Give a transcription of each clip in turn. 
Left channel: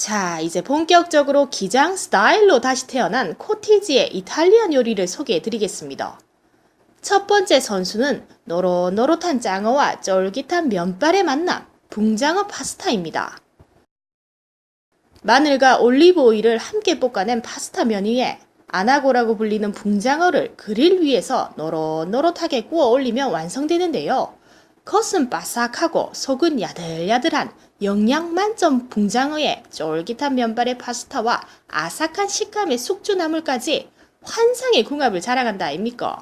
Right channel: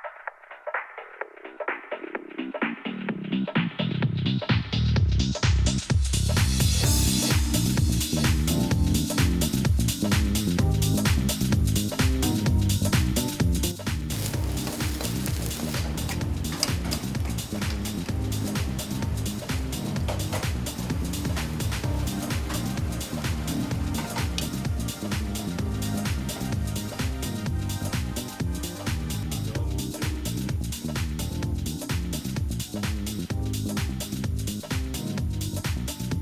자, 이제 본격적으로 기장 스타일로 다시 태어난 코티지의 이탈리안 요리를 소개해 드리겠습니다. 첫 번째 선수는 노릇노릇한 장어와 쫄깃한 면발의 만남, 붕장어 파스타입니다. 마늘과 올리브 오일을 함께 볶아낸 파스타 면 위에 아나고라고 불리는 붕장어를 그릴 위에서 노릇노릇하게 구워 올리면 완성되는데요. 겉은 바삭하고 속은 야들야들한 영양 만점 붕장어에 쫄깃한 면발의 파스타와 아삭한 식감의 숙주나물까지 환상의 궁합을 자랑한다 아닙니까?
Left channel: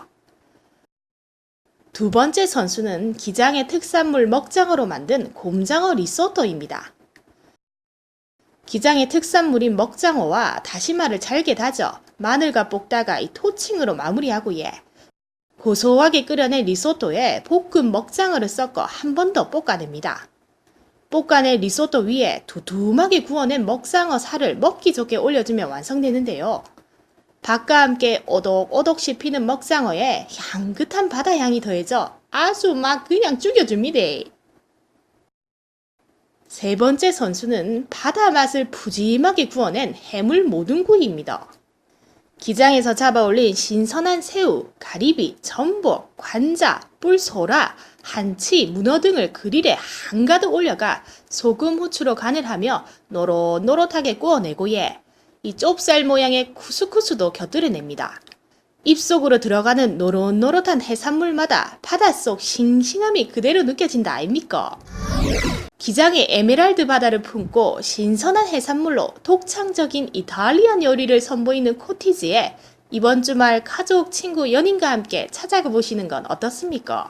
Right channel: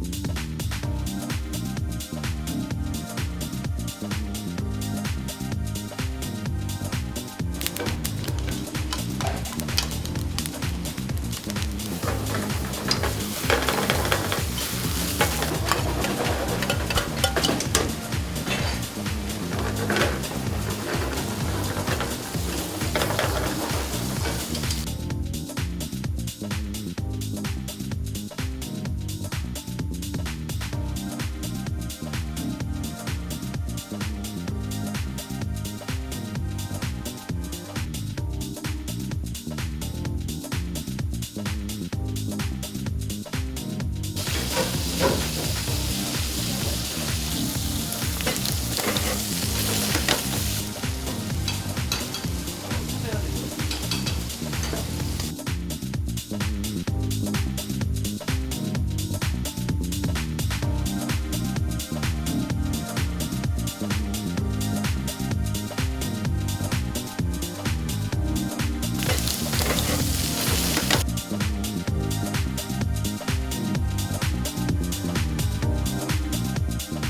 두 번째 선수는 기장의 특산물 먹장어로 만든 곰장어 리소토입니다. 기장의 특산물인 먹장어와 다시마를 잘게 다져 마늘과 볶다가 이 토칭으로 마무리하고 예. 고소하게 끓여낸 리소토에 볶은 먹장어를 섞어 한 번 더 볶아냅니다. 볶아낸 리소토 위에 두툼하게 구워낸 먹장어 살을 먹기 좋게 올려주면 완성되는데요. 밥과 함께 오독오독 씹히는 먹장어에 향긋한 바다 향이 더해져 아주 막 그냥 죽여줍니다. 세 번째 선수는 바다 맛을 푸짐하게 구워낸 해물 모둠구이입니다. 기장에서 잡아올린 신선한 새우, 가리비, 전복, 관자, 꿀소라, 한치, 문어 등을 그릴에 한가득 올려가 소금, 후추로 간을 하며 노릇노릇하게 구워내고 예, 이 좁쌀 모양의 쿠스쿠스도 곁들여냅니다. 입속으로 들어가는 노릇노릇한 해산물마다 바닷속 싱싱함이 그대로 느껴진다 아닙니까? 기장의 에메랄드 바다를 품고 신선한 해산물로 독창적인 이탈리안 요리를 선보이는 코티지에 이번 주말 가족, 친구, 연인과 함께 찾아가 보시는 건 어떻습니까?